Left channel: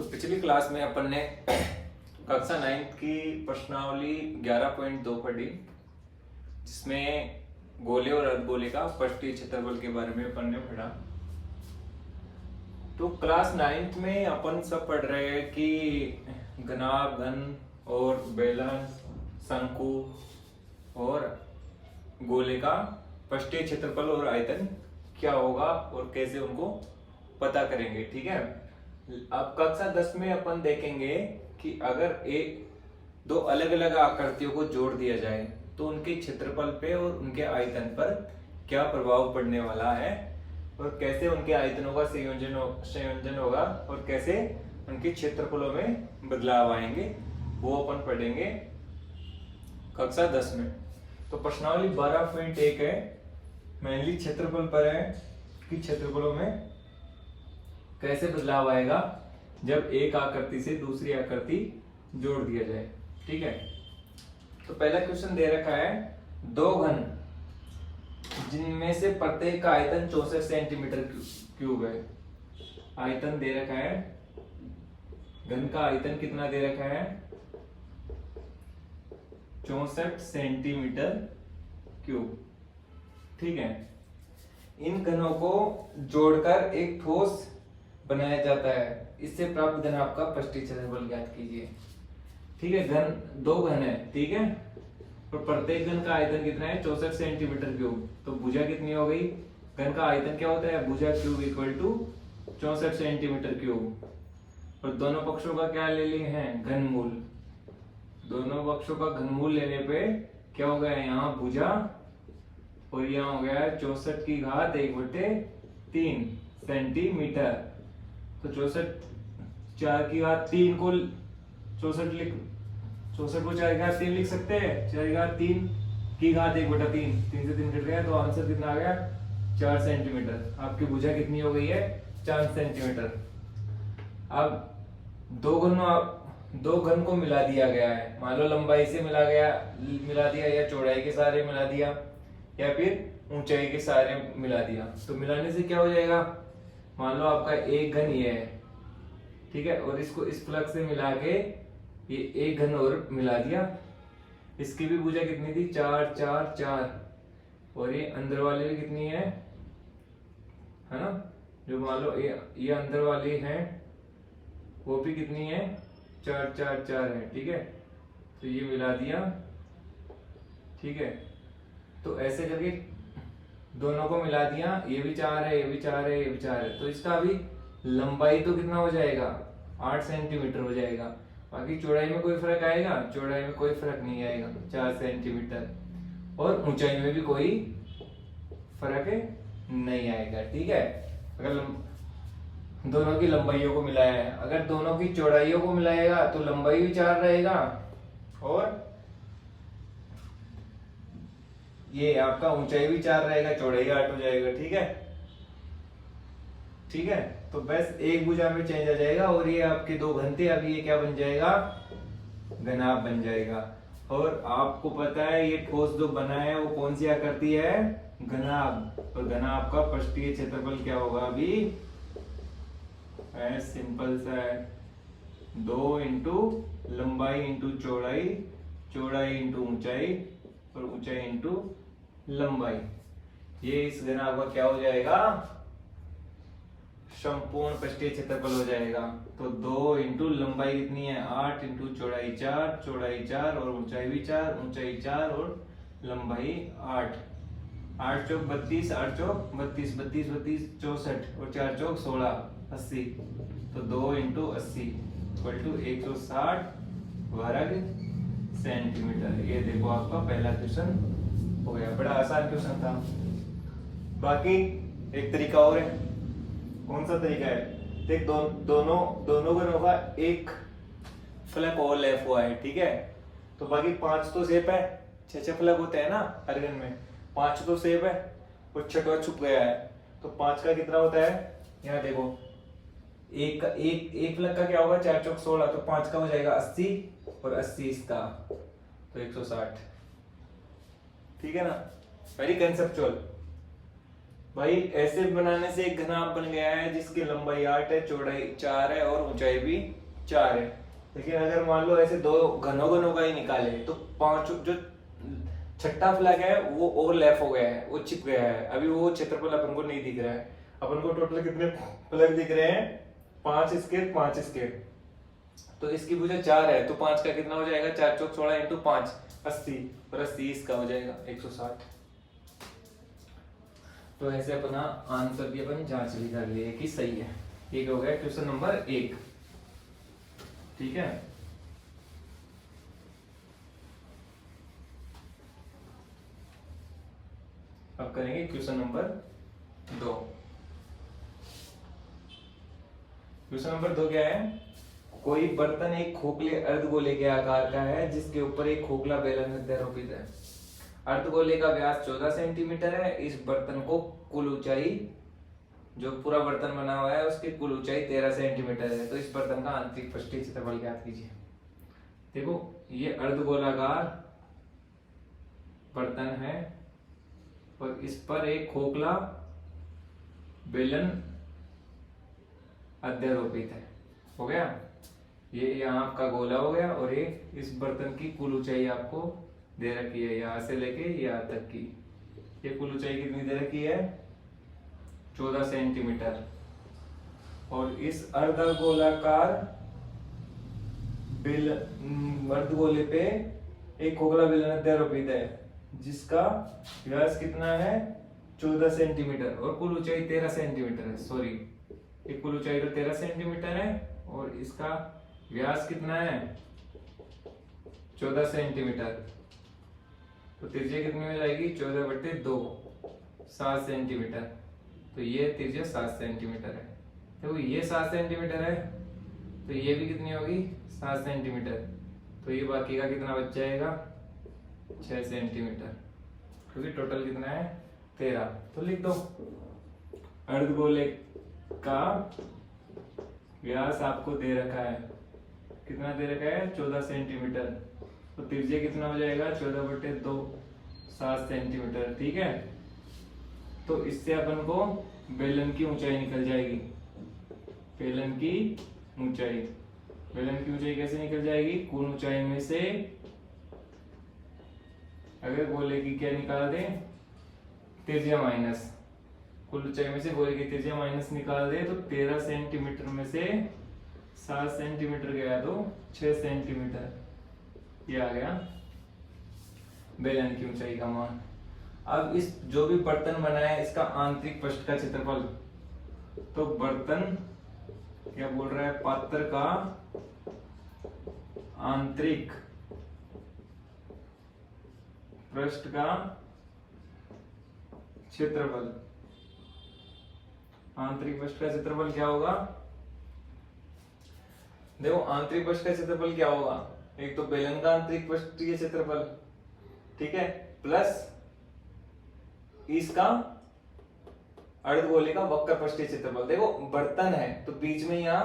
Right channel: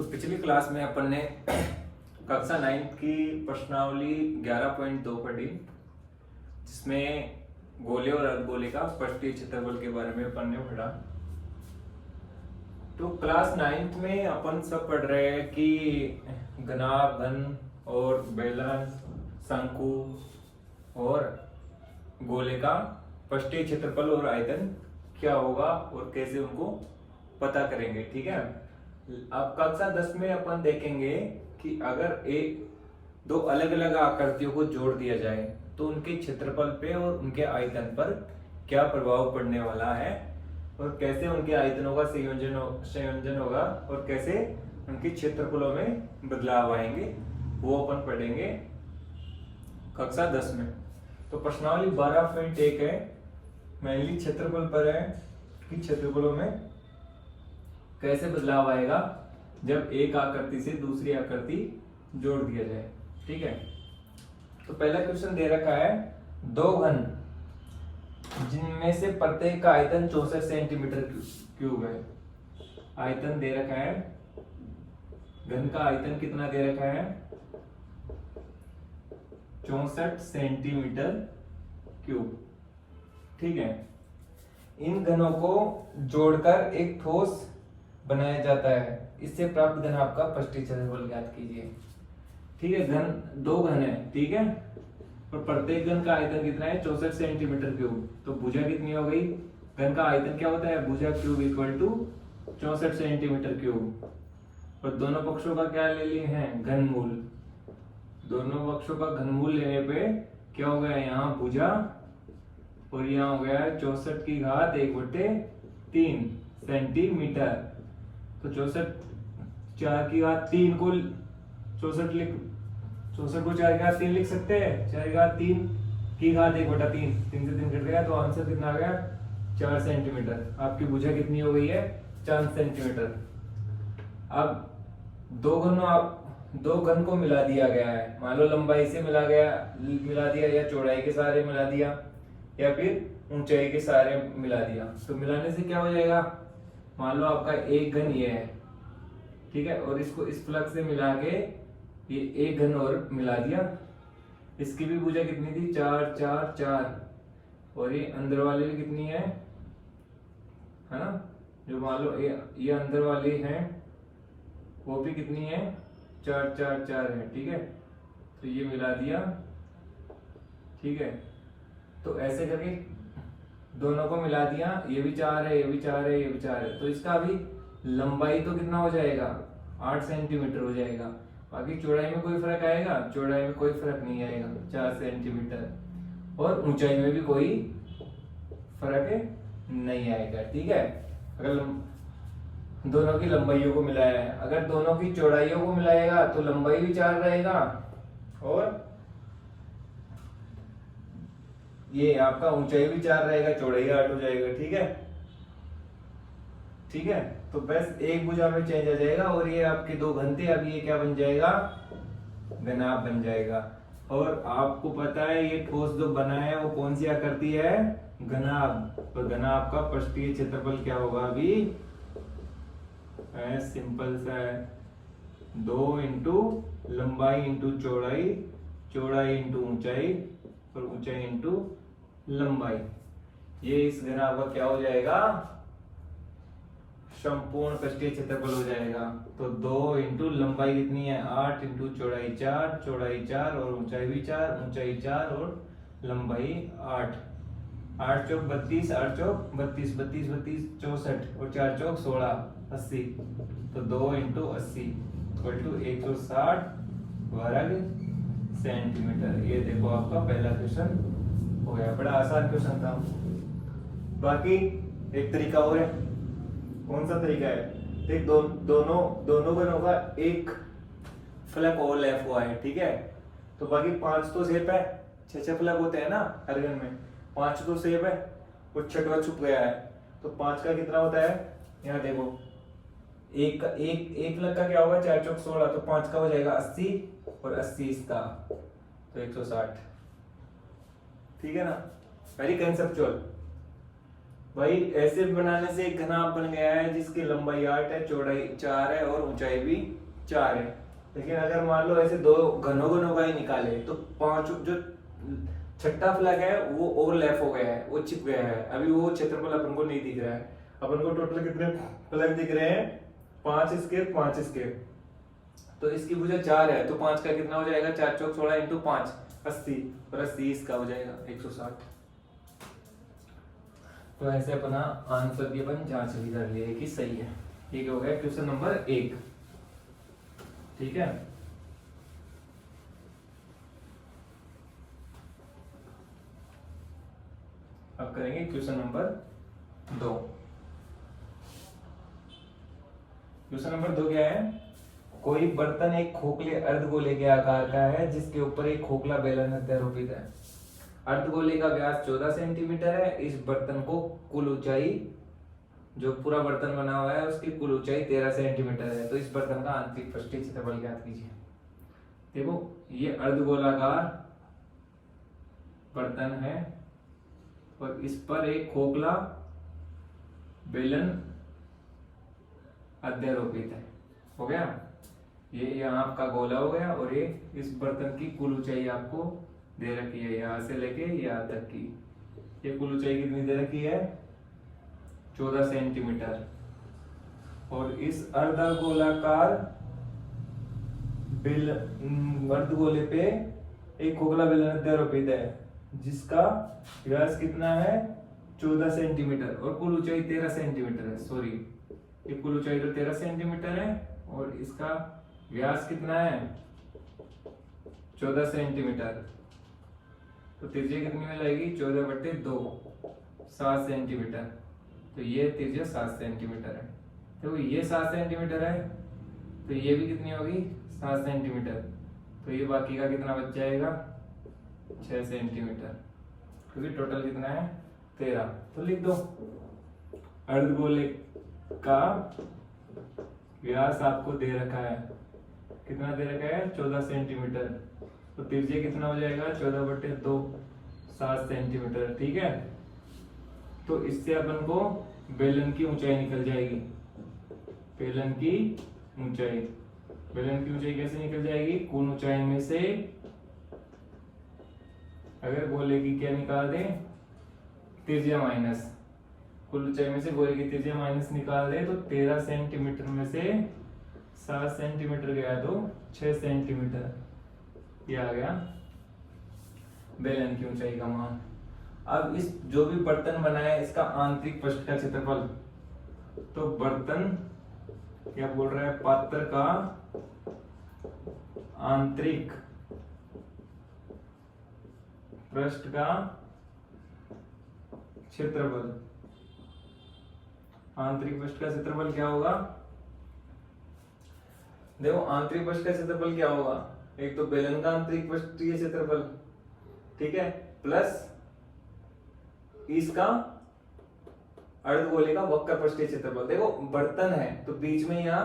तो पिछली क्लास में अपन ने कक्षा 9 की प्रश्नावली 11.2 पढ़ी, जिसमें गोले और अर्धगोले का पृष्ठीय क्षेत्रफल के बारे में अपन ने पढ़ा। तो क्लास 9 में अपन सब पढ़ रहे हैं कि घनाभ, घन और बेलन, शंकु और गोले का पृष्ठीय क्षेत्रफल और आयतन क्या होगा और कैसे उनको पता करेंगे। ठीक है, अब कक्षा 10 में अपन देखेंगे कि अगर एक दो अलग अलग आकृतियों को जोड़ दिया जाए तो उनके क्षेत्रफल पे और उनके आयतन पर क्या प्रभाव पड़ने वाला है और कैसे उनके आयतनों का संयोजन होगा और कैसे उनके क्षेत्रफलों में बदलाव आएंगे, वो अपन पढ़ेंगे कक्षा 10 में। तो प्रश्नावली 12.1 है, मेनली क्षेत्रफल पर है कि क्षेत्रफलों में कैसे बदलाव आएगा जब एक आकृति से दूसरी आकृति जोड़ दिया जाए। ठीक है, तो पहला क्वेश्चन दे रखा है, दो घन जिनमें से प्रत्येक का आयतन 64 सेंटीमीटर क्यूब है। आयतन दे रखा है, घन का आयतन कितना दे रखा है, 64 सेंटीमीटर क्यूब। ठीक है, इन घनों को जोड़कर एक ठोस बनाया जाता है, इससे प्राप्त घन आपका पृष्ठीय क्षेत्रफल ज्ञात कीजिए। ठीक है, घन दो घन है, ठीक है, और प्रत्येक घन का आयतन कितना है, 64 सेंटीमीटर क्यूब। तो भुजा कितनी हो गई, घन का आयतन क्या होता है, भुजा cube equal to 64 centimetre cube. और दोनों पक्षों का क्या ले लिए हैं, घनमूल। दोनों पक्षों का घनमूल लेने पे क्या हो गया, यहाँ भुजा और यहाँ हो गया 64 की घात 1/3 सेंटीमीटर। तो 64 4 की घात 3 को 64 को 4 की घात 3 लिख सकते हैं। 4 की घात 3 की घात 1/3, 3 से 3 कट गया तो आंसर कितना आ गया, 4 सेंटीमीटर। आपकी भुजा कितनी हो गई है, 4 सेंटीमीटर। अब दो घन को मिला दिया गया है, मान लो लंबाई से मिला दिया या चौड़ाई के सहारे मिला दिया या फिर ऊंचाई के सहारे मिला दिया। तो मिलाने से क्या हो जाएगा, मान लो आपका एक घन ये है, ठीक है, और इसको इस प्लग से मिला के ये एक घन और मिला दिया। इसकी भी भुजा कितनी थी, 4 4 4, और ये अंदर वाली भी कितनी है ना, जो मान लो ये अंदर वाली है वो भी कितनी है, 4 4 4 है। ठीक है, तो ये मिला दिया। ठीक है, तो ऐसे करके दोनों को मिला दिया, ये भी 4 है, ये भी 4 है, ये भी 4 है। तो इसका अभी लंबाई तो कितना हो जाएगा, 8 सेंटीमीटर हो जाएगा। बाकी चौड़ाई में कोई फर्क आएगा, चौड़ाई में कोई फर्क नहीं आएगा, 4 सेंटीमीटर। और ऊंचाई में भी कोई फर्क नहीं आएगा। ठीक है, अगर दोनों की लंबाइयों को मिलाया है, अगर दोनों की चौड़ाइयों को मिलाएगा तो लंबाई भी 4 रहेगा और ये आपका ऊंचाई भी 4 रहेगा, चौड़ाई 8 हो जाएगा। ठीक है, ठीक है, तो बस एक भुजा में चेंज आ जाएगा और ये आपके दो घन थे, अभी ये क्या बन जाएगा, घनाभ बन जाएगा। और आपको पता है ये ठोस जो बना है वो कौन सी आकृति है, घनाभ। और घनाभ का पृष्ठीय क्षेत्रफल क्या होगा, अभी सिंपल सा है, 2 इंटू लंबाई इंटू चौड़ाई, चौड़ाई इंटू ऊंचाई और ऊंचाई इंटू लंबाई। ये इस घनाभ का क्या हो जाएगा, संपूर्ण पृष्ठीय क्षेत्रफल हो जाएगा। तो 2 इंटू लंबाई कितनी है, 8 इंटू चौड़ाई 4, चौड़ाई 4 और ऊंचाई भी 4, ऊंचाई 4 और लंबाई 8। 8 चौक 32, 8 चौक 32, 32 32 64 और 4 चौक 16, 80। तो 2 इंटू 80 इक्वल टू 160 वर्ग सेंटीमीटर। ये देखो आपका पहला क्वेश्चन हो गया, बड़ा आसान क्वेश्चन था। बाकी एक तरीका और है, कौन सा तरीका है, देख दोनों घनों का एक फलक ओवरलैप हुआ है। ठीक है, तो बाकी 5 तो सेप है, 6 फलक होते हैं ना हर घन में, 5 तो सेप है और 6वां छुप गया है। तो 5 का कितना होता है, यहाँ देखो, एक फलक का क्या होगा, 4 चौक 16, तो 5 का हो जाएगा 80 और 80 इसका, तो 160। ठीक है ना, वेरी कंसेप्चुअल, भाई ऐसे बनाने से एक घनाभ बन गया है जिसकी लंबाई 8 है, चौड़ाई 4 है और ऊंचाई भी 4 है। लेकिन अगर मान लो ऐसे दो घनों का ही निकाले तो पांच जो छठा फ्लैग है वो ओवरलैप हो गया है, वो चिप गया है, अभी वो क्षेत्रफल अपन को नहीं दिख रहा है। अपन को टोटल कितने फ्लैग दिख रहे हैं? 5 स्केयर 5 स्केयर। तो इसकी भुजा 4 है तो 5 का कितना हो जाएगा? 4 चौक 16 इंटू 5 80 और 80 इसका हो जाएगा 160। तो ऐसे अपना आंसर की अपन जांच भी कर लिए कि सही है। ये हो गया क्वेश्चन नंबर 1। ठीक है, अब करेंगे क्वेश्चन नंबर 2। क्वेश्चन नंबर 2 क्या है? कोई बर्तन एक खोखले अर्धगोले के आकार का है जिसके ऊपर एक खोखला बेलन अध्यारोपित है। अर्धगोले का व्यास 14 सेंटीमीटर है। इस बर्तन को कुल ऊंचाई, जो पूरा बर्तन बना हुआ है उसकी कुल ऊंचाई 13 सेंटीमीटर है। तो इस बर्तन का आंतरिक पृष्ठीय क्षेत्रफल ज्ञात कीजिए। देखो ये अर्धगोलाकार बर्तन है और इस पर एक खोखला बेलन अध्यारोपित है। हो गया, ये यहाँ आपका गोला हो गया और ये इस बर्तन की कुल ऊंचाई आपको दे रखी है, यहां से लेके यहाँ तक की। ये कुल ऊंचाई कितनी दे रखी है? 14 सेंटीमीटर। और इस अर्धगोलाकार अर्धगोले पे एक खोखला बेलन अध्यारोपित है जिसका व्यास कितना है? 14 सेंटीमीटर और कुल ऊंचाई 13 सेंटीमीटर है। सॉरी, ये कुल ऊंचाई तो 13 सेंटीमीटर है और इसका व्यास कितना है? 14 सेंटीमीटर। तो त्रिज्या कितनी में जाएगी? 14/2 7 सेंटीमीटर। तो ये त्रिज्या 7 सेंटीमीटर है। तो ये 7 सेंटीमीटर है तो ये भी कितनी होगी? 7 सेंटीमीटर। तो ये बाकी का कितना बच जाएगा? 6 सेंटीमीटर। क्योंकि टोटल कितना है? 13। तो लिख दो अर्धगोले का व्यास आपको दे रखा है, कितना दे रखा है? 14 सेंटीमीटर। तो त्रिज्या कितना हो जाएगा? 14/2 7 सेंटीमीटर। ठीक है, तो इससे अपन को बेलन की ऊंचाई निकल जाएगी। बेलन की ऊंचाई, बेलन की ऊंचाई कैसे निकल जाएगी? कुल ऊंचाई में से अगर गोले की क्या निकाल दें? त्रिज्या माइनस, कुल ऊंचाई में से गोले की त्रिज्या माइनस निकाल दे तो 13 सेंटीमीटर में से 7 सेंटीमीटर गया तो 6 सेंटीमीटर। ये आ गया बेलन की ऊंचाई का मान। अब इस जो भी बर्तन बना है इसका आंतरिक पृष्ठ का क्षेत्रफल, तो बर्तन क्या बोल रहा है? पात्र का आंतरिक पृष्ठ का क्षेत्रफल, आंतरिक पृष्ठ का क्षेत्रफल क्या होगा? देखो आंतरिक पृष्ठ का क्षेत्रफल क्या होगा? एक तो बेलन का आंतरिक पृष्ठीय क्षेत्रफल, ठीक है, प्लस इसका अर्धगोले का वक्र पृष्ठीय क्षेत्रफल। देखो बर्तन है तो बीच में यहाँ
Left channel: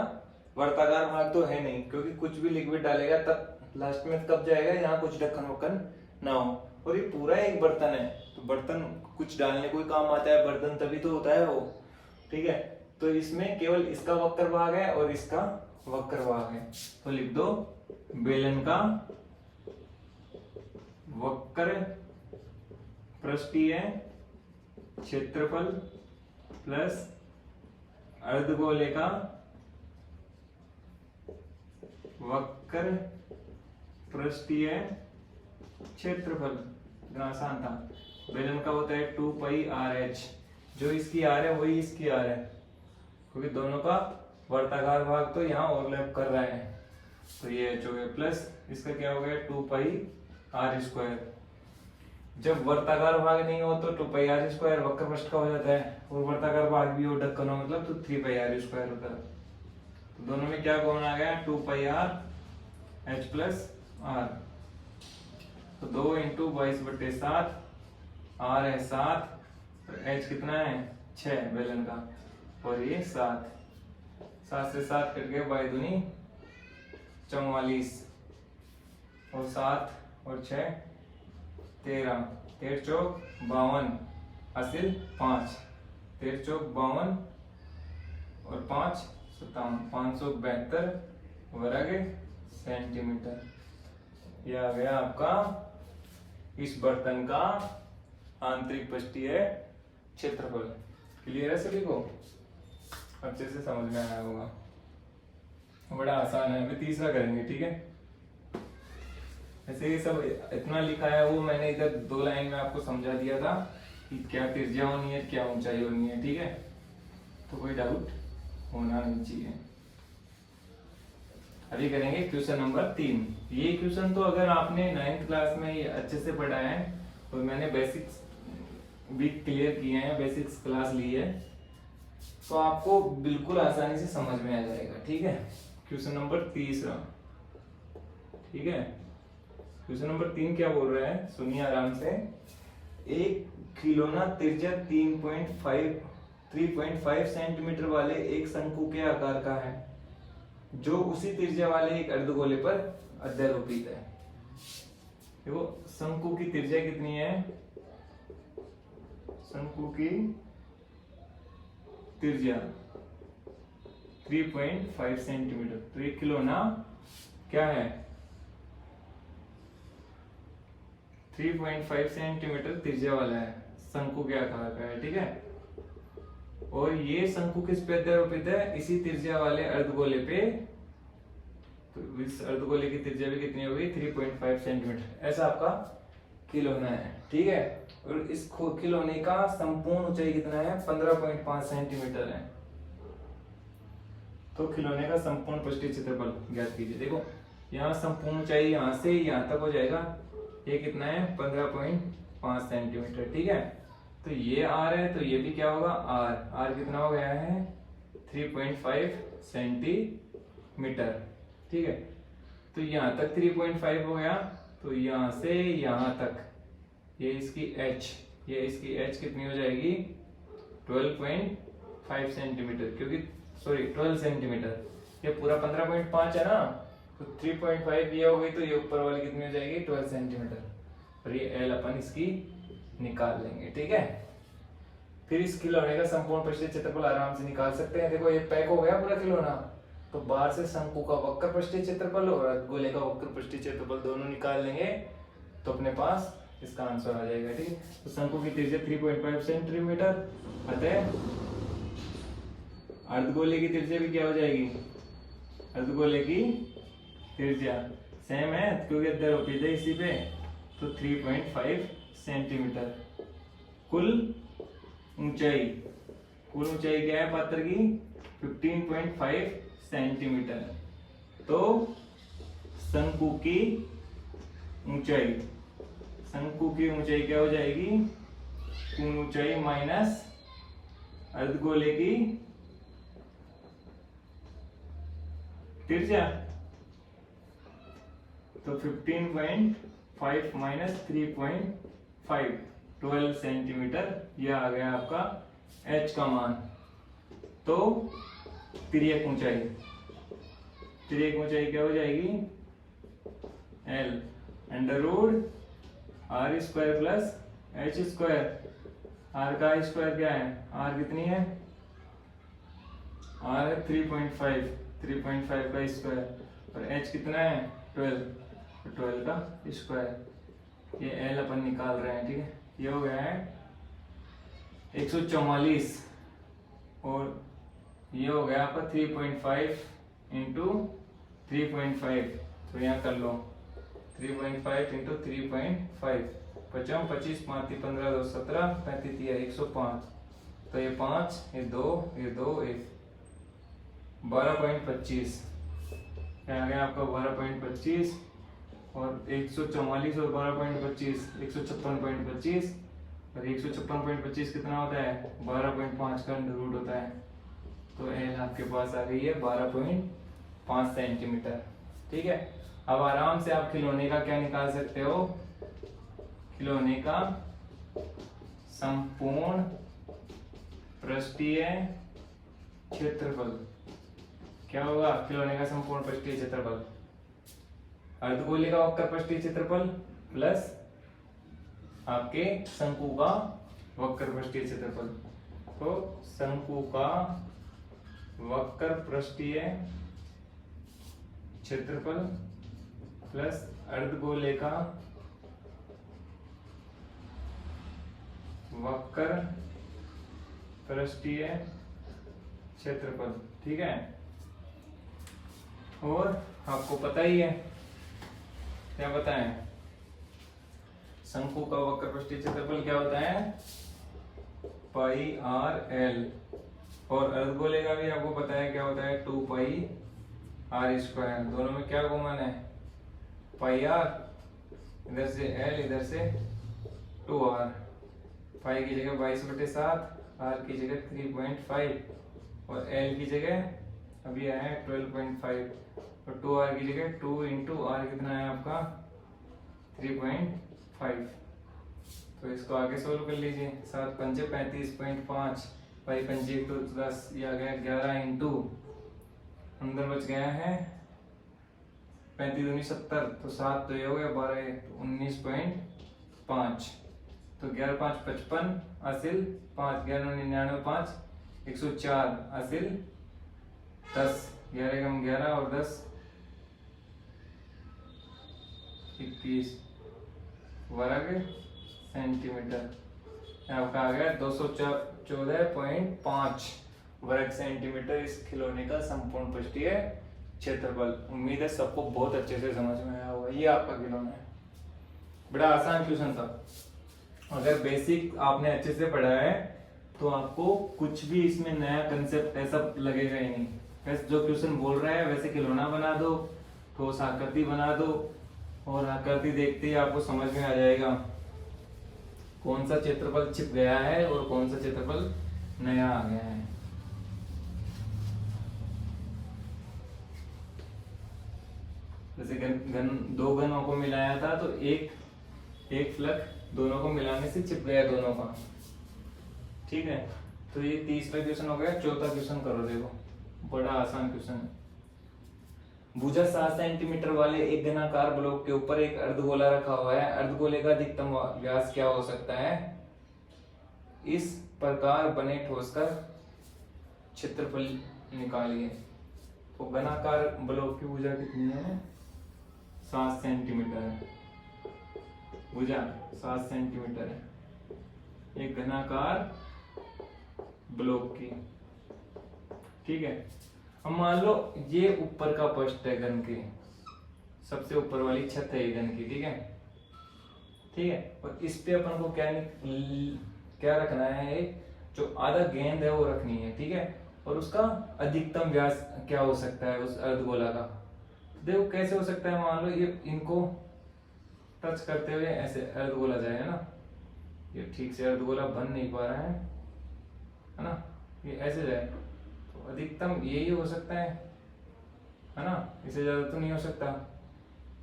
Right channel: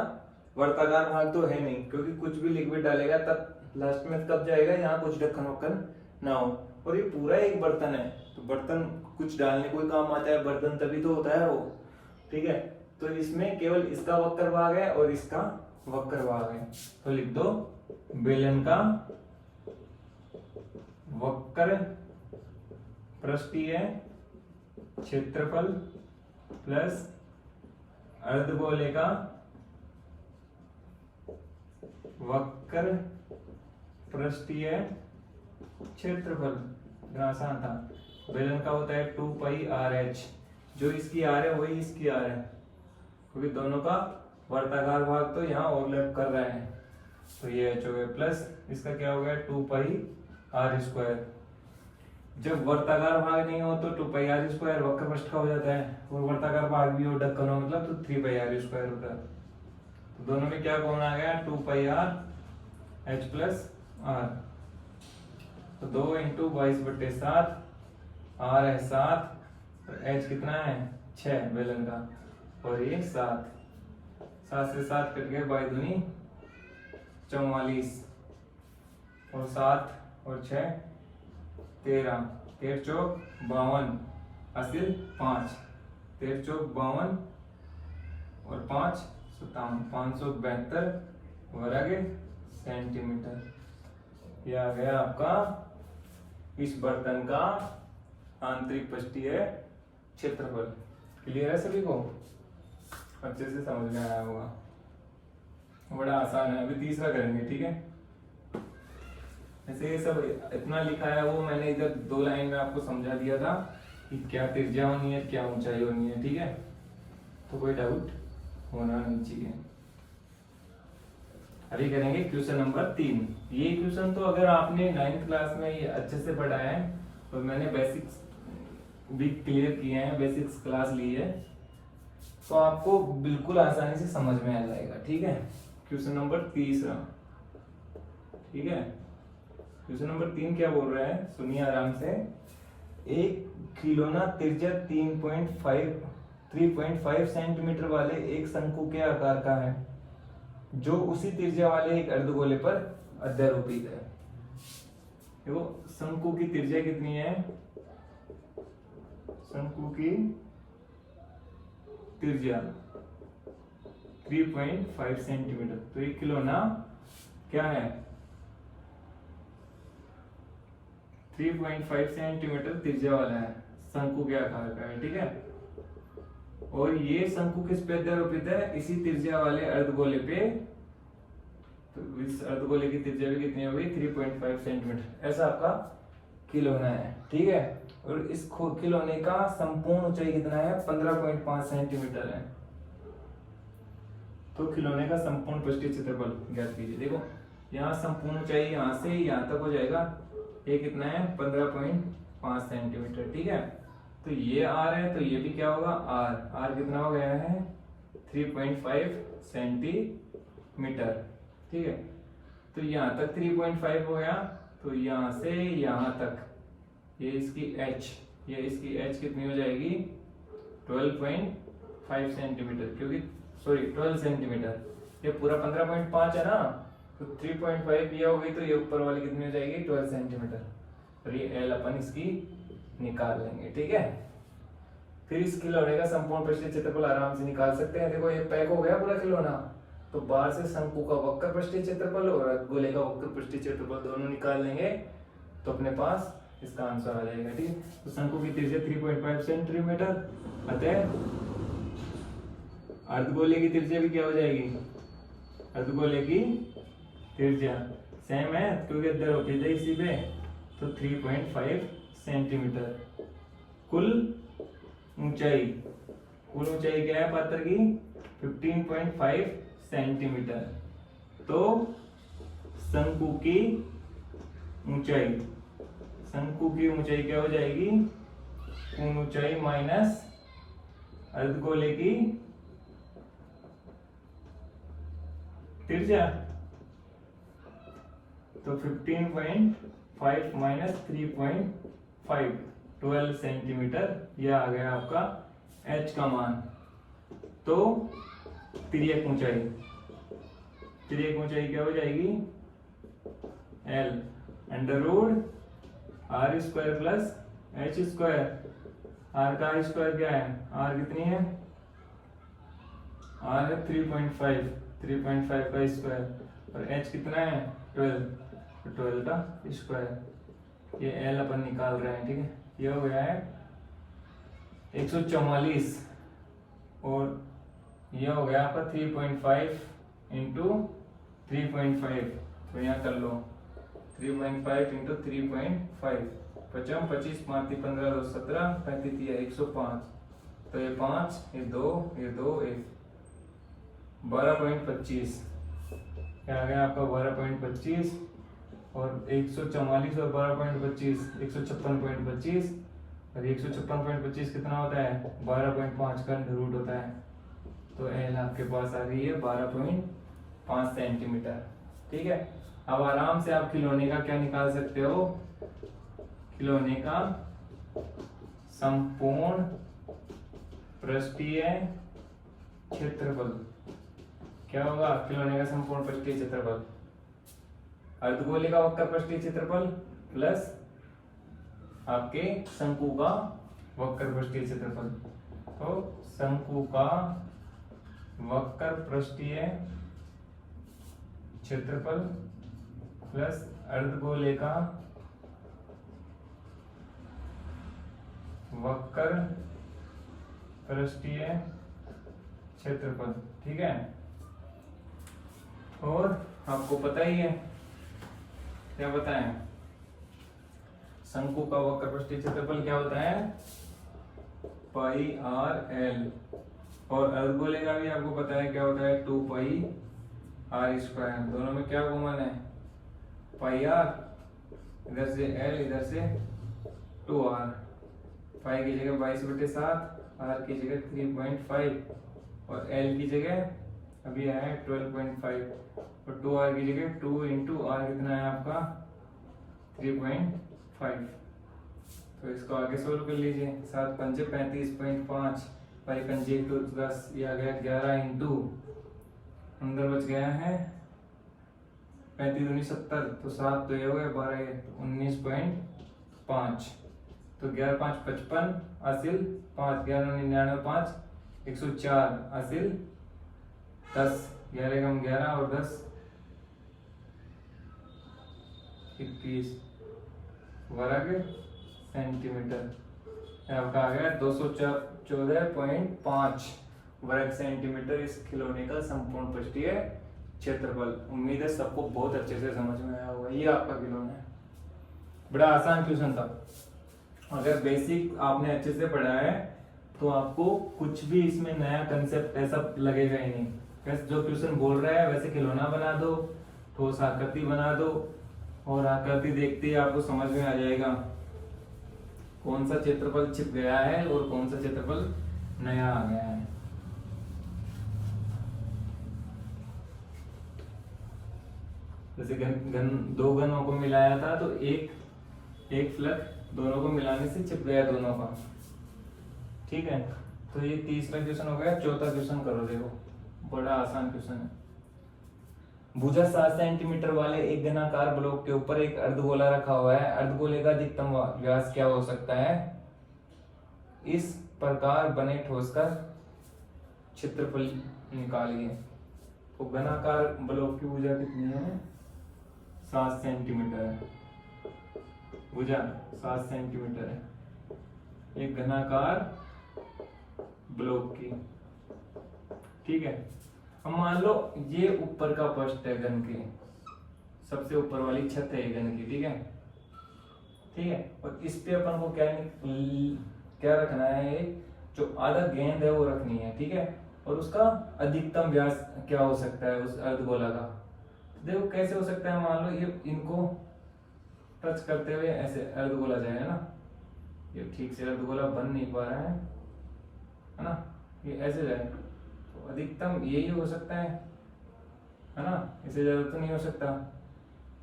वर्ताकार भाग तो है नहीं, क्योंकि कुछ भी लिक्विड डालेगा तब लास्ट में कब जाएगा? यहाँ कुछ ढक्कन वक्कन ना हो। और ये पूरा एक बर्तन है तो बर्तन कुछ डालने कोई काम आता है, बर्तन तभी तो होता है वो। ठीक है, तो इसमें केवल इसका वक्र भाग है और इसका वक्र भाग है। तो लिख दो बेलन का वक्र पृष्ठीय क्षेत्रफल प्लस अर्धगोले का वक्र पृष्ठीय क्षेत्रफल। इतना आसान था। बेलन का होता है 2πRh, जो इसकी आर है वही इसकी आर है, क्योंकि दोनों का वर्ताकार भाग तो यहाँ ओवरलैप कर रहे हैं। तो ये h हो गया प्लस इसका क्या हो गया? 2πr²। जब वर्ताकार भाग नहीं हो तो 2πr² वक्र पृष्ठ का हो जाता है, और वर्ताकार भाग भी हो ढक्कन हो मतलब तो 3πr² होता है। तो दोनों में क्या कॉमन आ गया? 2πrh plus r। तो 2 × 22/7, r है 7 और h कितना है? 6 बेलन का, और ये 7 से 7 कट गए, 22 दूनी 44 और 7 और 6 13, 13 चौक 52, हासिल 5। 13 चौक 52 और 5 57, 572 वर्ग सेंटीमीटर। यह आ गया आपका इस बर्तन का आंतरिक पृष्ठीय क्षेत्रफल। क्लियर है सभी को? अच्छे से समझ में आया होगा। बड़ा आसान है। अभी तीसरा करेंगे, ठीक है। ऐसे ये सब इतना लिखा है, वो मैंने इधर 2 लाइन में आपको समझा दिया था कि क्या त्रिज्या होनी है, क्या ऊंचाई होनी है, ठीक है। तो कोई डाउट होना नहीं चाहिए। अभी करेंगे क्वेश्चन नंबर 3। ये क्वेश्चन तो अगर आपने 9th क्लास में ये अच्छे से पढ़ा है और मैंने बेसिक्स भी क्लियर किए हैं, बेसिक्स क्लास ली है, तो आपको बिल्कुल आसानी से समझ में आ जाएगा, ठीक है। क्वेश्चन नंबर 3, ठीक है। क्वेश्चन नंबर 3 क्या बोल रहा है, सुनिए आराम से। एक खिलौना त्रिज्या 3.5 सेंटीमीटर वाले एक शंकु के आकार का है, जो उसी त्रिज्या वाले एक अर्धगोले पर अध्यारोपित है। देखो शंकु की त्रिज्या कितनी है, शंकु की त्रिज्या 3.5 सेंटीमीटर। तो ये खिलौना क्या है, 3.5 सेंटीमीटर त्रिज्या वाला है, शंकु के आकार का है, ठीक है। और ये शंकु किस पे अध्यारोपित है, इसी त्रिज्या वाले अर्धगोले पे। तो इस अर्धगोले की त्रिज्या भी कितनी होगी, 3.5 सेंटीमीटर। ऐसा आपका खिलौना है, ठीक है। और इस खिलौने का संपूर्ण ऊंचाई कितना है, 15.5 सेंटीमीटर है। तो खिलौने का संपूर्ण पृष्ठीय क्षेत्रफल ज्ञात कीजिए। देखो यहाँ संपूर्ण ऊंचाई यहाँ से यहाँ तक हो जाएगा, ये कितना है, 15.5 सेंटीमीटर, ठीक है। तो ये आर है, तो ये भी क्या होगा, आर। आर कितना हो गया है, 3.5 सेंटीमीटर, ठीक है। तो यहाँ तक 3.5 हो गया, तो यहाँ से यहाँ तक ये इसकी h, ये इसकी h कितनी हो जाएगी, 12.5 सेंटीमीटर, क्योंकि सॉरी 12 सेंटीमीटर। ये पूरा 15.5 है ना, तो 3.5 ये हो गई, तो ये ऊपर वाली कितनी हो जाएगी, 12 सेंटीमीटर। और ये एल अपन इसकी निकाल लेंगे, ठीक है। फिर इस खिलौने का संपूर्ण पृष्ठीय क्षेत्रफल आराम से निकाल सकते हैं। देखो ये पैक हो गया पूरा खिलौना, तो बाहर से शंकु का वक्र पृष्ठीय क्षेत्रफल और गोले का वक्र पृष्ठीय क्षेत्रफल दोनों निकाल लेंगे, तो अपने पास इसका आंसर आ जाएगा, ठीक। तो शंकु की त्रिज्या 3.5 सेंटीमीटर, अतः अर्धगोले की त्रिज्या भी क्या हो जाएगी, अर्धगोले की त्रिज्या सेम है क्योंकि अध्यारोपित है इसी पे, तो 3.5 सेंटीमीटर। कुल ऊंचाई क्या है पात्र की, 15.5 सेंटीमीटर। तो शंकु की ऊंचाई क्या हो जाएगी, पूर्ण ऊंचाई माइनस अर्धगोले की त्रिज्या, तो 15.5 माइनस 3.5, 12 सेंटीमीटर। यह आ गया आपका h का मान। तो तिर्यक ऊंचाई क्या हो जाएगी, L under root r square plus h square. R का स्क्वायर क्या है, आर कितनी है, आर है 3.5 का स्क्वायर, और h कितना है 12 का स्क्वायर। ये L अपन निकाल रहे हैं, ठीक है। ये हो गया है 144, और ये हो गया आपका 3.5 इंटू 3.5, तो यहाँ कर लो 3.5 इंटू 3.5, 55 25 5 15 2 17 35 105, तो ये 5 ये 2 ये 2 1 12.25, क्या आ गया आपका 12.25, और 144 और 12.25 156.25, और 156.25 कितना होता है, 12.5 का अंडर रूट होता है। तो एल आपके पास आ गई है 12.5 सेंटीमीटर, ठीक है। अब आराम से आप खिलौने का क्या निकाल सकते हो, खिलौने का संपूर्ण पृष्ठीय क्षेत्रफल क्या होगा, खिलौने का संपूर्ण पृष्ठीय क्षेत्रफल, अर्धगोले का वक्र पृष्ठीय क्षेत्रफल प्लस आपके शंकु का वक्र पृष्ठीय क्षेत्रफल। तो शंकु का वक्र पृष्ठीय क्षेत्रफल प्लस अर्धगोले का वक्र पृष्ठीय क्षेत्रफल, ठीक है। और आपको पता ही है, क्या बताएं, शंकु का वक्र पृष्ठीय क्षेत्रफल क्या होता है, पाई आर एल। और अर्धगोले का भी आपको पता है क्या होता है, 2 पाई आर स्क्वायर। दोनों में क्या कॉमन है, पाई आर, इधर से एल इधर से 2r। पाई की जगह 22/7, आर की जगह 3.5 और एल की जगह अभी है 12.5 और 2r की जगह 2 इंटू आर कितना है आपका 3.5। तो इसको आगे सोल्व कर लीजिए। 7 पंजे 35.5, पाई पंजे तो 10, ये आ गया 11 इंटू अंदर बच गया है 35 दूनी 70, तो 7 तो ये हो गया 12 19.5। तो 11 5 55, हासिल 5, 11 99 5 104, हासिल 10, 11 कम 11 और 10 21 वर्ग सेंटीमीटर। आपका आ गया 214.5 वर्ग सेंटीमीटर इस खिलौने का संपूर्ण पृष्ठीय क्षेत्रफल। उम्मीद है सबको बहुत अच्छे से समझ में आया होगा। ये आपका खिलौना है, बड़ा आसान क्वेश्चन था। अगर बेसिक आपने अच्छे से पढ़ा है तो आपको कुछ भी इसमें नया कंसेप्ट ऐसा लगेगा ही नहीं। वैसे जो क्वेश्चन बोल रहा है वैसे खिलौना बना दो, ठोस आकृति बना दो और आकृति देखते ही आपको समझ में आ जाएगा कौन सा क्षेत्रफल छिप गया है और कौन सा क्षेत्रफल नया आ गया है। जैसे दो घनों को मिलाया था तो एक फ्लक्स दोनों को मिलाने से चिप गया दोनों का, ठीक है। तो ये तीसरा क्वेश्चन हो गया। चौथा क्वेश्चन करो, देखो बड़ा आसान क्वेश्चन है। भुजा 7 सेंटीमीटर वाले एक घनाकार ब्लॉक के ऊपर एक अर्धगोला रखा हुआ है। अर्धगोले का अधिकतम व्यास क्या हो सकता है, इस प्रकार बने ठोस का क्षेत्रफल निकालिए। तो घनाकार ब्लॉक की भुजा कितनी है, 7 सेंटीमीटर है। भुजा 7 सेंटीमीटर है एक घनाकार ब्लॉक की, ठीक है। अब मान लो ये ऊपर का पृष्ठ है घन के, सबसे ऊपर वाली छत है घन की, ठीक है, ठीक है। और इस पे अपन को क्या रखना है, जो आधा गेंद है वो रखनी है, ठीक है। और उसका अधिकतम व्यास क्या हो सकता है उस अर्धगोला का। देखो कैसे हो सकता है, मान लो ये इनको टच करते हुए ऐसे अर्धगोला जाएगा ना, ये ठीक से अर्धगोला बन नहीं पा रहा है ना, ये ऐसे जाए तो अधिकतम यही हो सकता है ना, इससे ज्यादा तो नहीं हो सकता।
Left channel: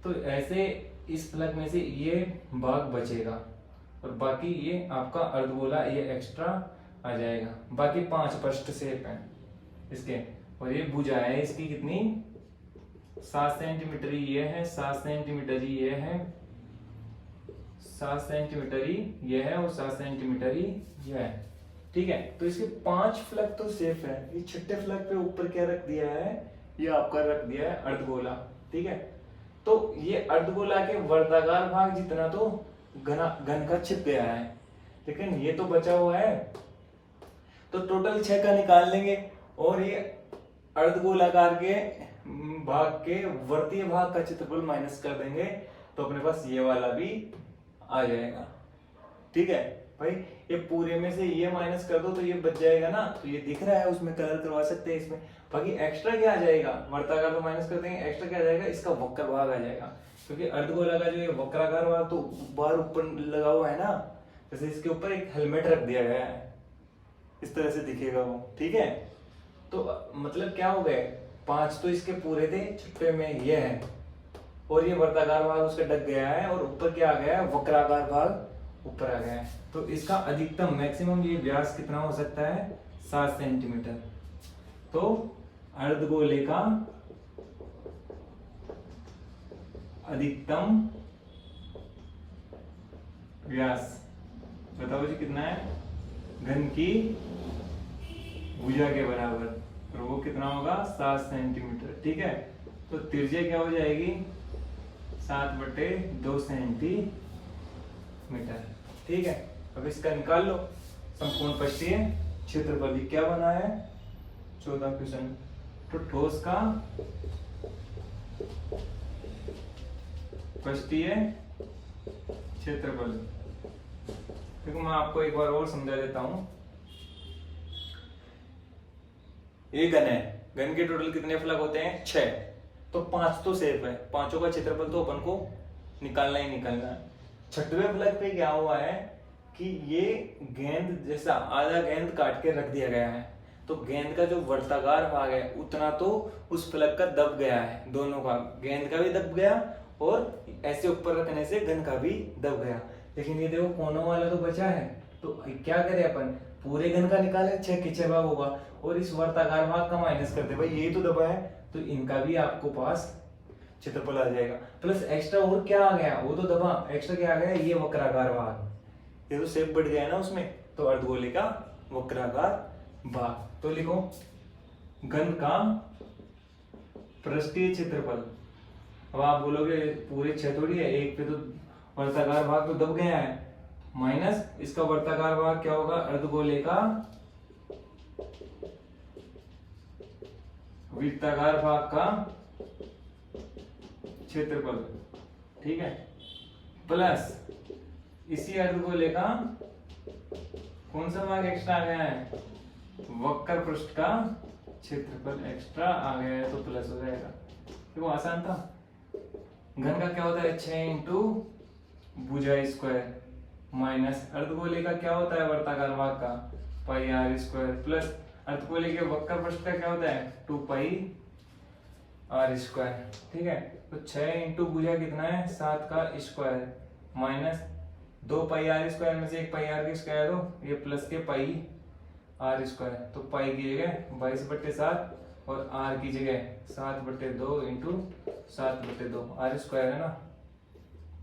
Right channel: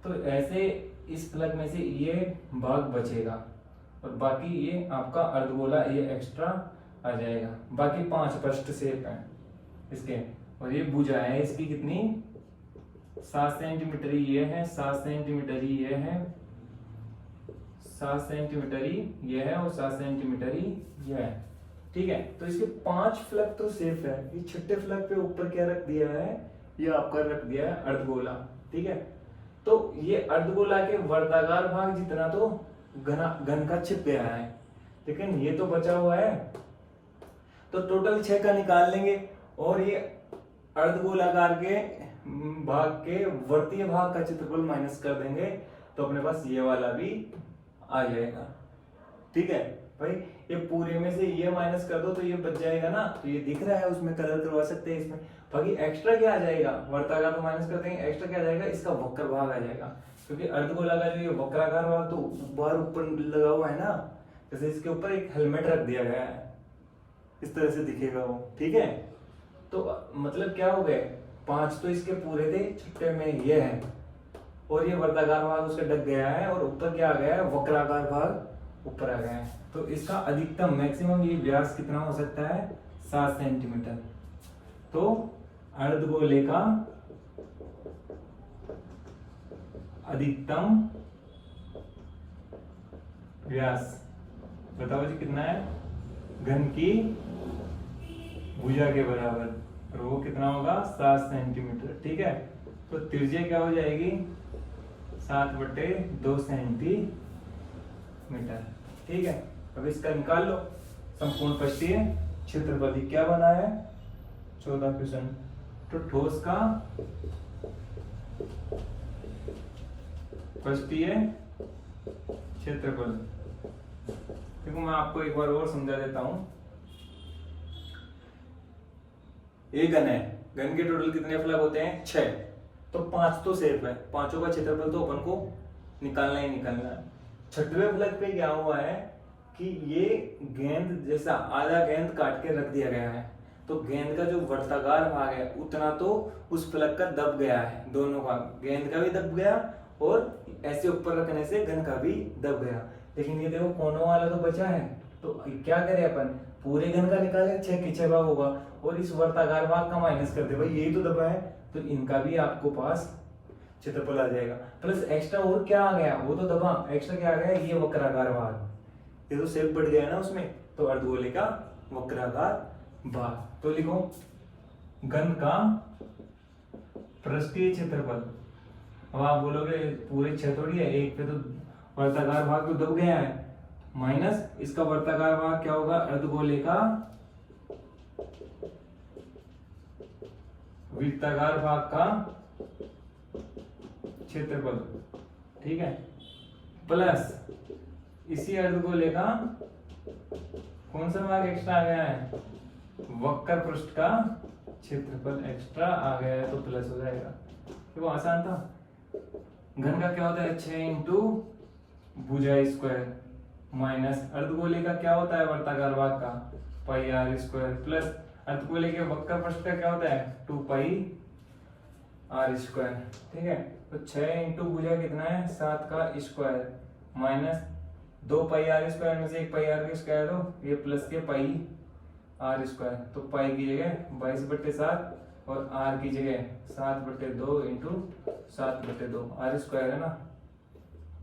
तो ऐसे इस फलक में से ये भाग बचेगा और बाकी ये आपका अर्धगोला ये एक्स्ट्रा आ जाएगा। बाकी 5 पृष्ठ शेप हैं इसके, और ये भुजा है इसकी कितनी 7 सेंटीमीटर ही ये है, 7 सेंटीमीटर ही ये है, 7 सेंटीमीटर ही ये है और 7 सेंटीमीटर ही ये है, ठीक है। तो इसके 5 फ्लक तो सेफ है। ये छठे फ्लक पे ऊपर क्या रख दिया है, ये आपका रख दिया है अर्धगोला, ठीक है। तो ये अर्धगोला के वर्ताकार भाग जितना तो घन का छिप गया है, लेकिन ये तो बचा हुआ है। तो टोटल 6 का निकाल लेंगे और ये अर्धगोलाकार के भाग के वर्तीय भाग का क्षेत्रफल माइनस कर देंगे तो अपने पास ये वाला भी आ जाएगा, ठीक है भाई। ये पूरे में से ये माइनस कर दो तो ये बच जाएगा ना, तो ये दिख रहा है, उसमें कलर करवा सकते हैं इसमें। बाकी एक्स्ट्रा क्या आ जाएगा, वर्ताकार तो माइनस कर देंगे, एक्स्ट्रा क्या आ जाएगा, इसका वक्र भाग आ जाएगा। क्योंकि अर्धगोला का जो ये वक्राकार भाग तो बाहर ऊपर लगा हुआ है ना, जैसे इसके ऊपर एक हेलमेट रख दिया गया है, इस तरह से दिखेगा वो, ठीक है। तो मतलब क्या हो गए, 5 तो इसके पूरे थे, छठे में ये है और ये वर्ताकार भाग उसका ढक गया है और ऊपर क्या आ गया है, वक्राकार भाग ऊपर आ गया है। तो इसका अधिकतम मैक्सिमम ये व्यास कितना हो सकता है, 7 सेंटीमीटर। तो अर्धगोले का अधिकतम व्यास बताओ जी कितना है, घन की भुजा के बराबर, और वो कितना होगा 7 सेंटीमीटर। ठीक है, तो त्रिज्या क्या हो जाएगी 7/2 सेंटीमीटर। ठीक है, अब इसका निकाल लो संपूर्ण पृष्ठीय क्षेत्रफल। क्या बना है 14 क्वेश्चन। तो ठोस का पृष्ठीय क्षेत्रफल, देखो मैं आपको एक बार और समझा देता हूं। ये घन है, घन के टोटल कितने फलक होते हैं 6, तो 5 तो सेफ है, पांचों का क्षेत्रफल तो अपन को निकालना ही निकालना है। छठवें फलक पे क्या हुआ है कि ये गेंद जैसा आधा गेंद काट के रख दिया गया है, तो गेंद का जो वर्ताकार भाग है उतना तो उस फलक का दब गया है, दोनों का, गेंद का भी दब गया और ऐसे ऊपर रखने से घन का भी दब गया। लेकिन ये देखो कोनों वाला तो बचा है, तो क्या करें अपन, पूरे घन का निकाले 6 की 6 भाग होगा, और इस वर्ताकार भाग का माइनस कर दे, भाई यही तो दबा है, तो इनका भी आपको पास क्षेत्रफल आ जाएगा। प्लस एक्स्ट्रा और क्या आ गया, वो तो दबा, एक्स्ट्रा क्या आ गया, ये वक्राकार भाग, ये तो शेप बढ़ गया है ना उसमें, तो अर्धगोले का वक्राकार भाग। तो लिखो घन का पृष्ठीय क्षेत्रफल। अब आप बोलोगे पूरे 6 थोड़ी है, एक पे तो वर्ताकार भाग तो दब गया है, माइनस इसका वर्ताकार भाग क्या होगा, अर्धगोले का वृत्ताकार भाग का क्षेत्रफल। ठीक है, प्लस इसी अर्धगोले का कौन सा भाग एक्स्ट्रा आ गया है, वक्र पृष्ठ का क्षेत्रफल एक्स्ट्रा आ गया है, तो प्लस हो जाएगा। तो आसान था। घन का क्या होता है 6 इंटू भुजा स्क्वायर, माइनस अर्धगोले का क्या होता है वर्ताकार भाग का पाई आर स्क्वायर, प्लस अर्धगोले के वक्र पृष्ठ का क्या होता है 2 पाई आर स्क्वायर। ठीक है, तो 6 इंटू भुजा कितना है 7 का square, minus 2 pi r square में से 1 पाई आर का स्क्वायर दो, ये प्लस के पाई आर स्क्वायर, तो पाई की जगह 22/7 और आर की जगह 7/2 इंटू 7/2, आर स्क्वायर है ना,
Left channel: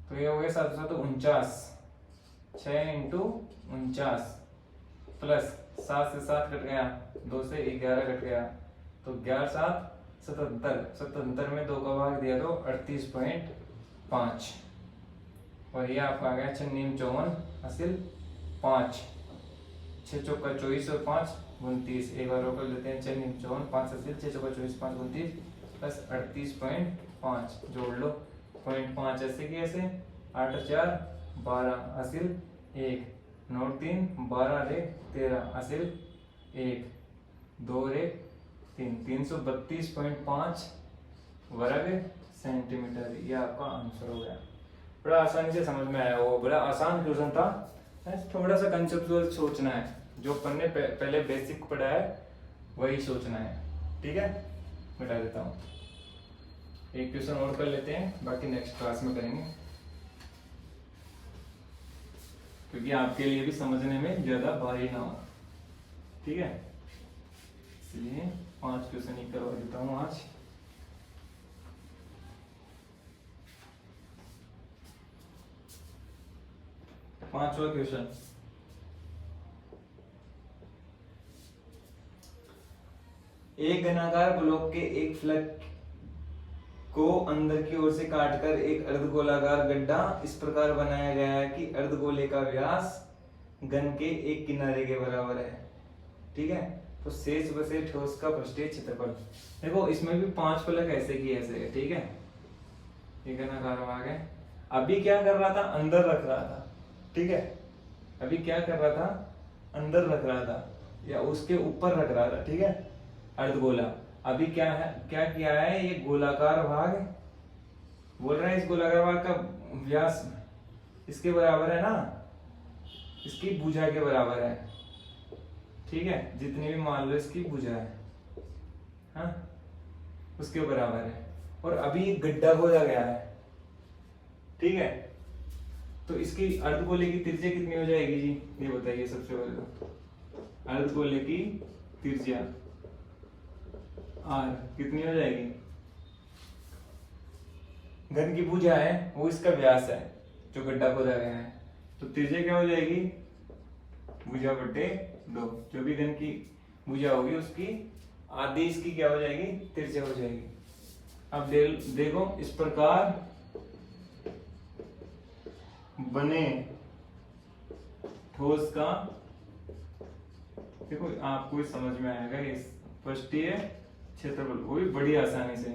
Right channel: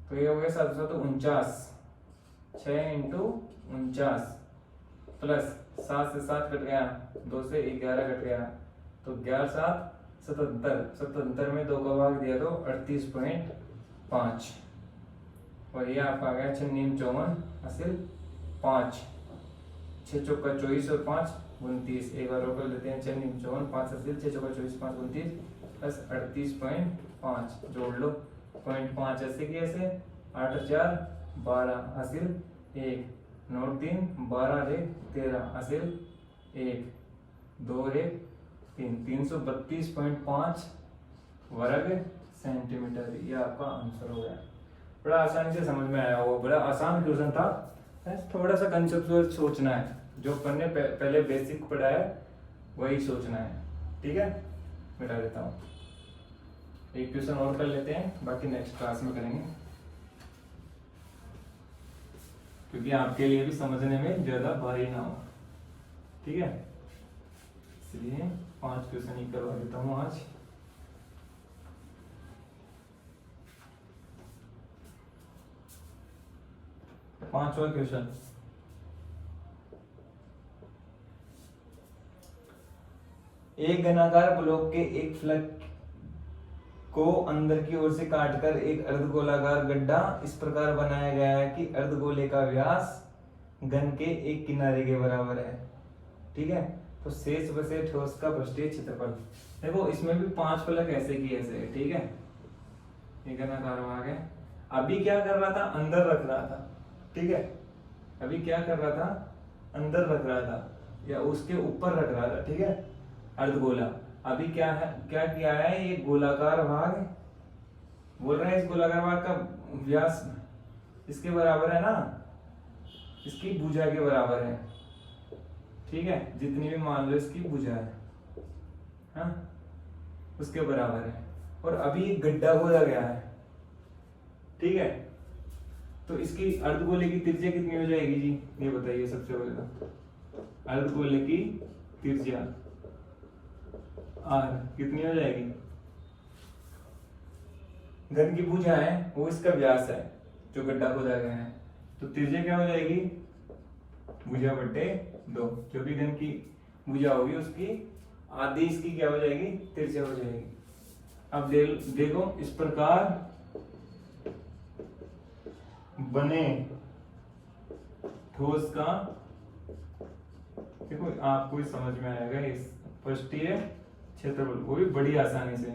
तो ये हो गया 7 7 49, 6 इंटू 49 प्लस 7 से 7 कट गया, 2 से 11 कट गया, तो 11 7 77, 77 में 2 का भाग दिया तो 38.5, और ये आपका आ गया 6 नीम 54 हासिल 5, 6 चौका 24 और 5 29, एक बार रोक लेते हैं 6 नीम 54 5 हासिल 6 चौका 24 5 29 प्लस 38.5 जोड़ लो, 0.5 ऐसे की ऐसे, 8 और 4 12 हासिल 1, 9 3 12 रे 13 हासिल 1, 2 रे 3, 332.5 वर्ग सेंटीमीटर, ये आपका आंसर हो गया। बड़ा आसानी से समझ में आया, वो बड़ा आसान क्वेश्चन था, थोड़ा सा कंसेप्चुअल सोचना है, जो अपन ने पहले बेसिक पढ़ा है वही सोचना है। ठीक है, मिटा देता हूँ, एक क्वेश्चन और कर लेते हैं, बाकी नेक्स्ट क्लास में करेंगे, क्योंकि आपके लिए भी समझने में ज्यादा भारी ना हो। ठीक है, इसलिए 5 क्वेश्चन ही करवा देता हूँ आज। पांचवा क्वेश्चन, एक घनाकार ब्लॉक के एक फलक को अंदर की ओर से काटकर एक अर्धगोलाकार गड्ढा इस प्रकार बनाया गया है कि अर्धगोले का व्यास घन के एक किनारे के बराबर है। ठीक है, तो शेष बचे ठोस का पृष्ठीय क्षेत्रफल। देखो इसमें भी 5 फलक ऐसे की ऐसे है। ठीक है, ये घनाकार भाग है, अभी क्या कर रहा था अंदर रख रहा था। ठीक है, अभी क्या कर रहा था अंदर रख रहा था या उसके ऊपर रख रहा था। ठीक है, अर्धगोला, अभी क्या है, क्या किया है, ये गोलाकार भाग बोल रहा है, इस गोलाकार भाग का व्यास इसके बराबर है ना, इसकी भुजा के बराबर है। ठीक है, जितनी भी मान लो इसकी भुजा है, हाँ, उसके बराबर है, और अभी गड्ढा खोदा गया है। ठीक है, तो इसकी अर्धगोले की त्रिज्या कितनी हो जाएगी जी, ये बताइए सबसे पहले तो। अर्धगोले की त्रिज्या आर कितनी हो जाएगी, घन की भुजा है वो इसका व्यास है जो गड्ढा खोदा गया है, तो त्रिज्या क्या हो जाएगी भुजा बटे 2, जो भी घन की भुजा होगी उसकी आधी इसकी क्या हो जाएगी, त्रिज्या हो जाएगी। अब देखो इस प्रकार बने ठोस का, देखो आपको ही समझ में आएगा इस पृष्ठीय क्षेत्रफल, वो भी बड़ी आसानी से।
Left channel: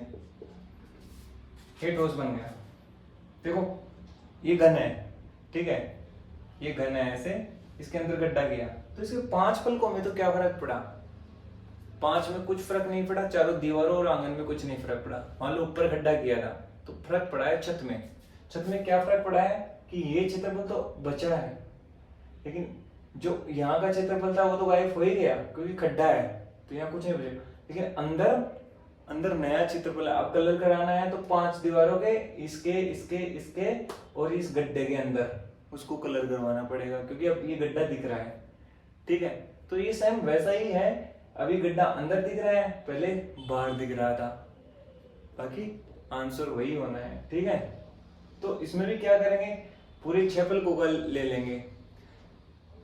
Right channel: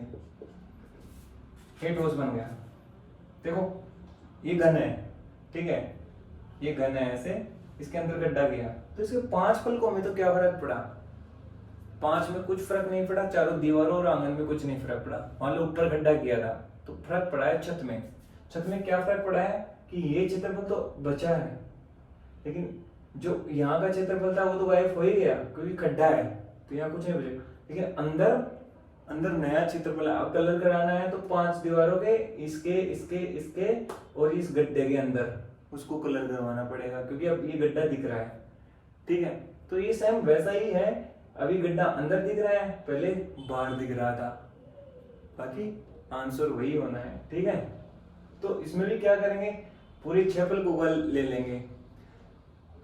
ये ठोस बन गया, देखो ये घन है, ठीक है, ये घन है ऐसे, इसके अंदर गड्ढा गया तो इसके 5 फलकों में तो क्या फर्क पड़ा, 5 में कुछ फर्क नहीं पड़ा, चारों दीवारों और आंगन में कुछ नहीं फर्क पड़ा। मान लो ऊपर गड्ढा किया था तो फर्क पड़ा है छत में। छत में क्या फर्क पड़ा है कि ये क्षेत्रफल तो बचा है, लेकिन जो यहाँ का क्षेत्रफल था वो तो गायब हो ही गया क्योंकि खड्डा है, तो यहाँ कुछ नहीं बचेगा। लेकिन अंदर नया क्षेत्रफल है। अब कलर कराना है तो 5 दीवारों के, इसके इसके इसके और इस गड्ढे के अंदर उसको कलर करवाना पड़ेगा क्योंकि अब ये गड्ढा दिख रहा है, ठीक है। तो ये सेम वैसा ही है, अभी गड्ढा अंदर दिख रहा है, पहले बाहर दिख रहा था, बाकी आंसर वही होना है, ठीक है। तो इसमें भी क्या करेंगे, पूरे क्षेत्रफल को ले लेंगे,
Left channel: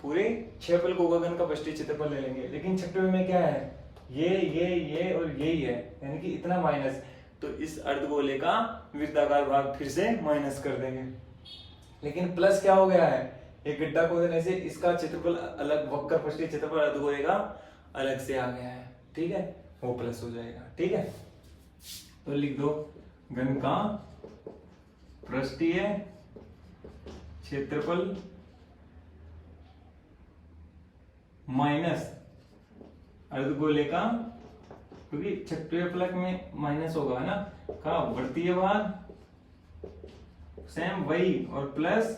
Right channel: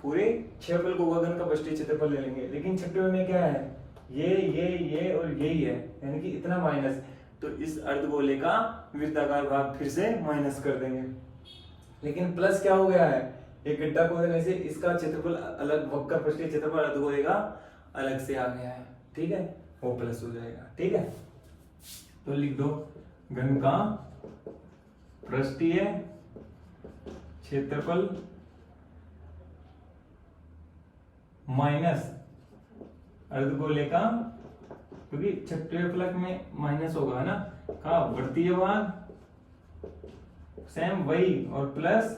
पूरे क्षेत्रफल को गगन का पृष्ठीय क्षेत्रफल ले लेंगे। लेकिन छठवें में क्या है, ये और यही है, यानी कि इतना माइनस, तो इस अर्धगोले का वृत्ताकार भाग फिर से माइनस कर देंगे। लेकिन प्लस क्या हो गया है, एक गड्ढा को देने से इसका क्षेत्रफल अलग, वक्र पृष्ठीय क्षेत्रफल अर्धगोले का अलग से आ गया है, ठीक है, वो प्लस हो जाएगा, ठीक है। तो लिख दो घन का पृष्ठीय क्षेत्रफल माइनस अर्धगोले का, क्योंकि छठवें फलक में माइनस होगा ना, का वृत्तीय भाग सेम वही, और प्लस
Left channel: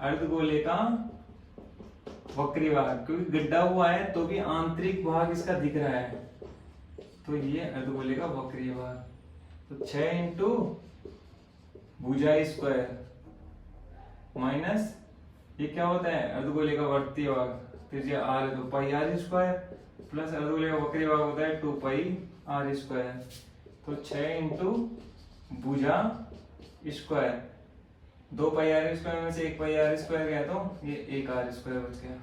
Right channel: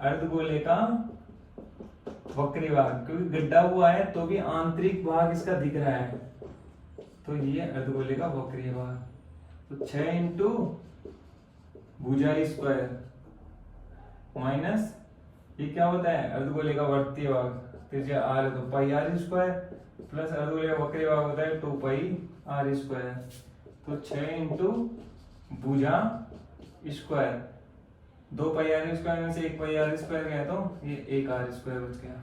अर्धगोले का वक्रीय भाग, क्योंकि गड्ढा हुआ है तो भी आंतरिक भाग इसका दिख रहा है, तो ये अर्धगोले का वक्रीय भाग। तो 6 इंटू भुजा स्क्वायर माइनस ये क्या होता है, अर्धगोले का वर्तीय भाग, त्रिज्या r है तो पाई r स्क्वायर, प्लस अर्धगोले का वक्रीय भाग होता है 2 पाई r स्क्वायर। तो 6 इंटू भुजा स्क्वायर, 2 पाई r स्क्वायर में से 1 पाई r स्क्वायर गया तो ये 1 r स्क्वायर बच गया,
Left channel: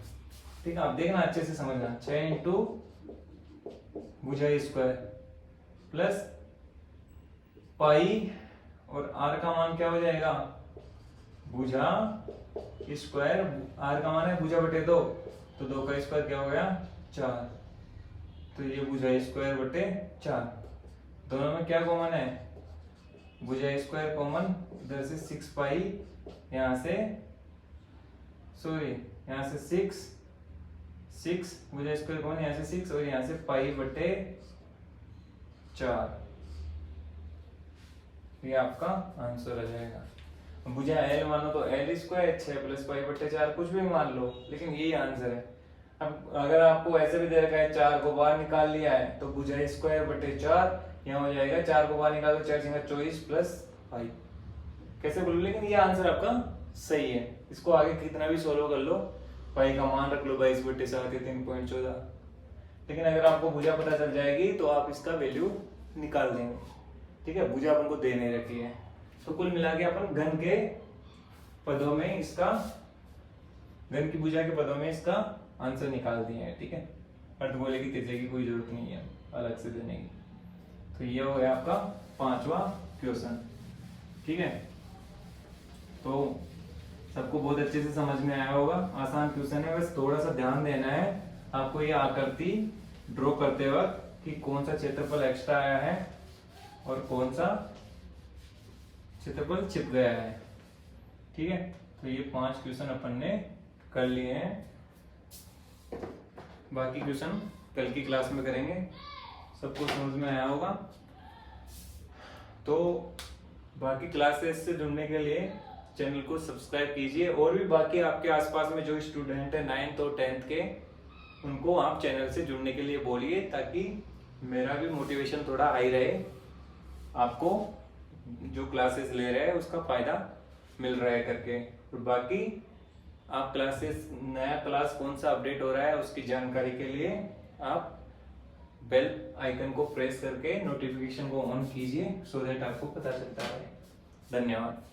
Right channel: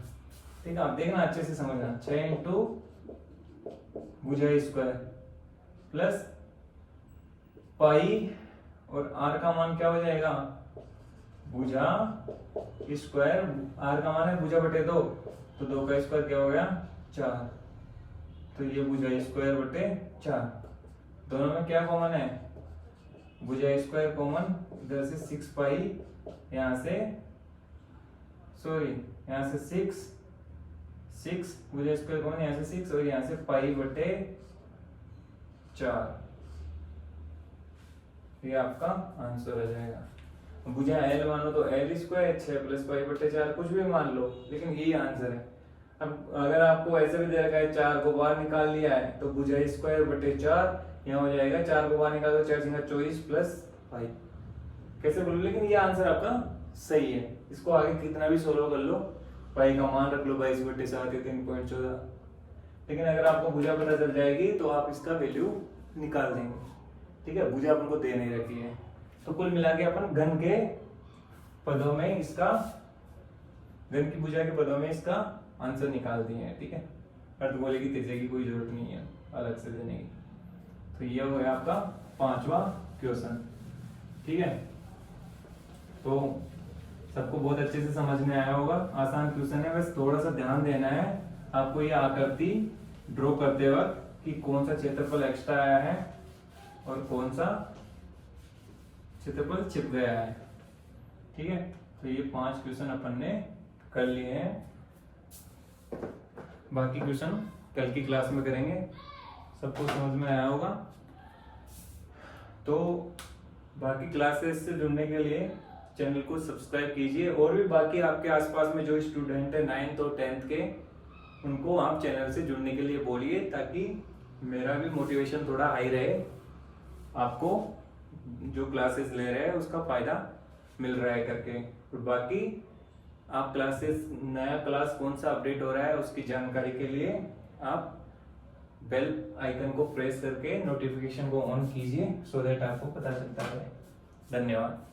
ठीक है। आप देखना अच्छे से समझना, 6 इंटू भुजा स्क्वायर प्लस पाई और r का मान क्या हो जाएगा, भुजा स्क्वायर, r का मान है भुजा बटे 2, तो 2 का स्क्वायर क्या हो गया 4, तो ये भुजा स्क्वायर बटे 4। दोनों में क्या कॉमन है, भुजा स्क्वायर कॉमन, इधर से 6 पाई, यहाँ से सॉरी यहाँ से 6 भुजा स्क्वायर कॉमन, यहाँ से 6 और यहाँ से पाई बटे 4, ये आपका आंसर आ जाएगा। भुजा एल मानो तो एल स्क्वायर, 6 प्लस पाई बटे 4 कुछ भी मान लो, लेकिन यही आंसर है। अब अगर आपको ऐसे भी दे रखा है 4 को बाहर निकाल लिया है तो भुजा स्क्वायर बटे 4 यहाँ हो जाएगा, 4 को बाहर निकालो 4 सिंगा 24 प्लस 5, कैसे बोलो, लेकिन ये आंसर आपका सही है। इसको आगे कितना भी सोल्व कर लो, पाई का मान रख लो 22 बटे 7 3.14, लेकिन अगर आपको भुजा पता चल जाएगी तो आप इसका वैल्यू निकाल देंगे, ठीक है। भुजा अपन को दे नहीं रखी है, तो कुल मिला के अपन घन के पदों में इसका, घन की भुजा के पदों में इसका आंसर निकाल दिए हैं, ठीक है। अर्धगोले की त्रिज्या की कोई जरूरत नहीं है अलग से देने की। तो ये हो गया आपका 5वां क्वेश्चन, ठीक है। तो सबको बहुत अच्छे से समझ में आया होगा, आसान क्वेश्चन है, बस थोड़ा सा ध्यान देना है आपको ये आकृति ड्रॉ करते वक्त कि कौन सा क्षेत्रफल एक्स्ट्रा आया है और कौन सा क्षेत्रफल छिप गया है, ठीक है। तो ये 5 क्वेश्चन अपन ने कर लिए हैं, बाकी क्वेश्चन कल की क्लास में करेंगे। सबको समझ में आया होगा। तो बाकी क्लासेस से जुड़ने के लिए चैनल को सब्सक्राइब कीजिए, और भी बाकी आपके आसपास में जो स्टूडेंट है 9th और 10th के, उनको आप चैनल से जुड़ने के लिए बोलिए, ताकि मेरा भी मोटिवेशन थोड़ा हाई रहे, आपको जो क्लासेस ले रहे हैं उसका फायदा मिल रहा है करके। तो बाकी आप क्लासेस, नया क्लास कौन सा अपडेट हो रहा है उसकी जानकारी के लिए आप बेल आइकन को प्रेस करके नोटिफिकेशन को ऑन कीजिए, सो दैट आपको पता चलता है। धन्यवाद।